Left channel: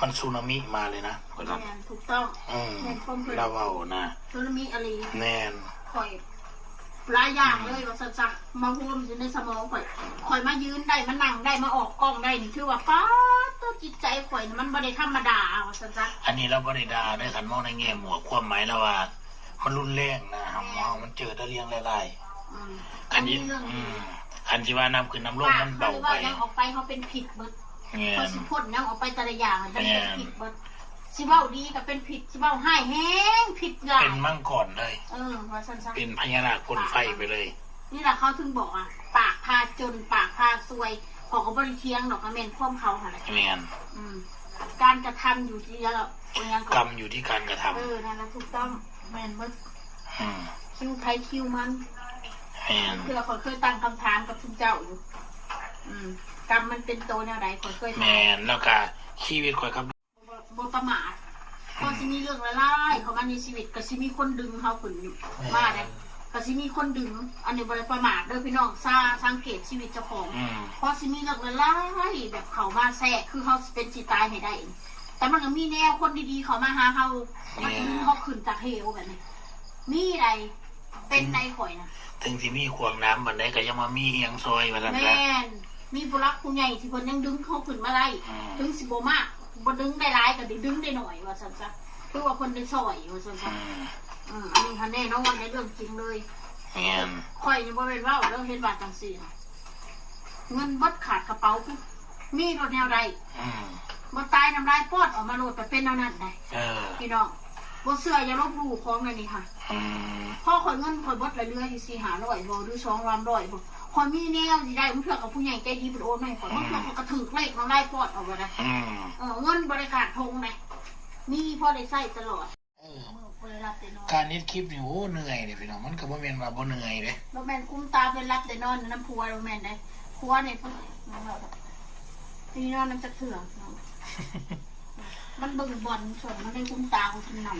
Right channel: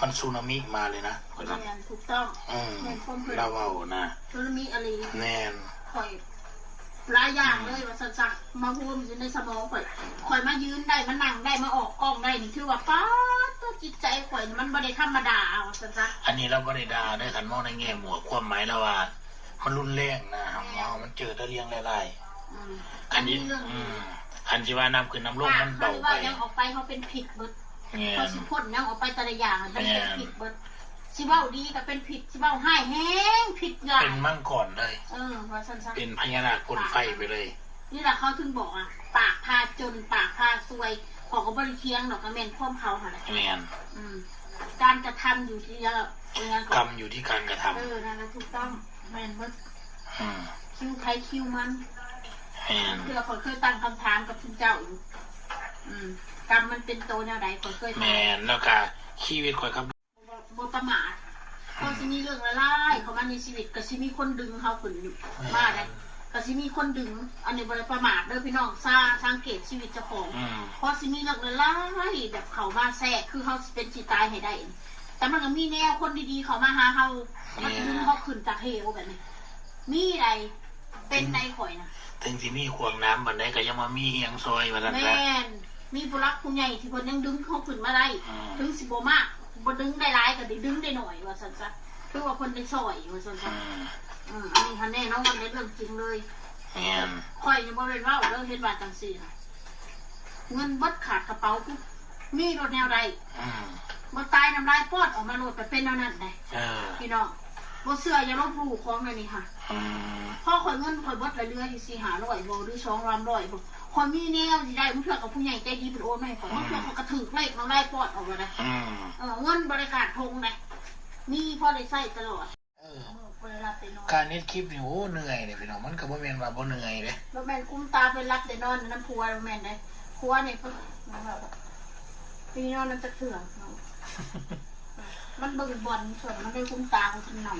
มันสึนามิมาเลยนะคนนั้นถูกต้องเราเอานะสึนามิอะไรแน่นข่อยหลายอย่างเลยว่าสักมาพูดอยู่ในสมองข่อยมายืนได้มานั่งได้มาออกกล้องได้นี่คือว่าป้าตัวจิตใจข่อยมันบ่ได้ธรรมดาเอาสักอันนี้เราบ่ได้ด่าได้ขันมองในแง่หมวกความหมายแล้วว่ามันรุนแรงนะมันเจอตะเลียงหลายๆอันนี้อันที่ว่าน้ำขึ้นน้ำลงมันเบาไปยังออกไปเขาเป็นผิดเบิดเขาสิพ่นยังออกไปแต่ละอย่างมันเป็นผิดเบิดสิเบ้าดีก็เป็นผิดสิเบ้าให้แห้งผิดอย่างเป็นมั่งก่อนเลยว่าสั้นๆเป็นพญานาคพ่นไฟไปเลยนี่แหละเขาถึงบอกอ่ะปากพาจนปากพาซวยของเขาบริเคียงดอกกระเมนพ่อมเขาค่ะแม่นการกระทำอยู่ที่แล้วกรรมอยู่ที่การกระทำนั่นนะถูกต้องแม่นเมื่อคิวไทยคิวมันคือเราเคยตั้งคำถามกับทุกเจ้าอยู่กรรมมันเป็นโตแนวใดเคยแม่นแล้วก็ชีวิตคอยครับบ่ประมาทพอสิมีเรื่องละลายเขามาในชีวิตก็สิมีคนดึงเขาขึ้นมาได้ก็สิมีคนดึงอันนี้บ่ได้ประมาทเด้อพี่น้องสังเกตชีวิตเจ้าของพอสิมีเรื่องละลายแบบเขามาแทรกคือเขาเป็นจิตตายให้ได้แต่มันก็มีแนวคนดีๆเขามาหาเขามันดึงเขาขึ้นจากเหวแบบนี้มีอะไรเป็นในข่อยนะถึงที่มีขวงน้ำบันไดก็ยังมามีเฮียงซอยมาแล้วแม่นมีผู้รักผู้ใหญ่ที่คนยังดึงเขาขึ้นมาได้ถึงสิบมากบ่ดึงได้หลายก็ดึงได้หน่อยว่าสันซะคือว่าคนได้ซอยว่าสันซะอันนี้ทันแน่น้องวันในเรื่องจริงเลยข่อยยังบ่เป็นว่าเรื่องเฮ็ดบาทจังซี่เงินบัดขาดกระเป๋ามีรถแนวใดบ่ตายน้ำลายปอดออกมาโหลดไปเป็นแนวนั้นได้พี่น้องบ่เชื่ออย่าลบหลู่ของอันนี้ค่ะพ่อข่อยเงินข่อยบัดเรื่อยๆอยู่400-500บ่หรือ200-300บ่ข่อยมีแนวสิได้มันเพื่อกับผู้ใหญ่ใจดีเป็นโอนให้ข่อยมันเพื่อกับกระถึกเลขน้ำลายปอดออกมาได้เงินบริการทงได้มีพ่อได้ใช้ตลอดการเน็ตคลิปนี่โอ้เหนื่อยเลยพี่น้องมันก็บ่แม่นว่าบ่เหนื่อยเด้บ่แม่นกุ้มตาเป็นรับได้นอนน้ำพัวบ่แม่นได้พัวนี่พี่นอนมันจะเถื่อนมันเบิ่งบอลส่วนมันได้กุ้มตาของกินหน่อย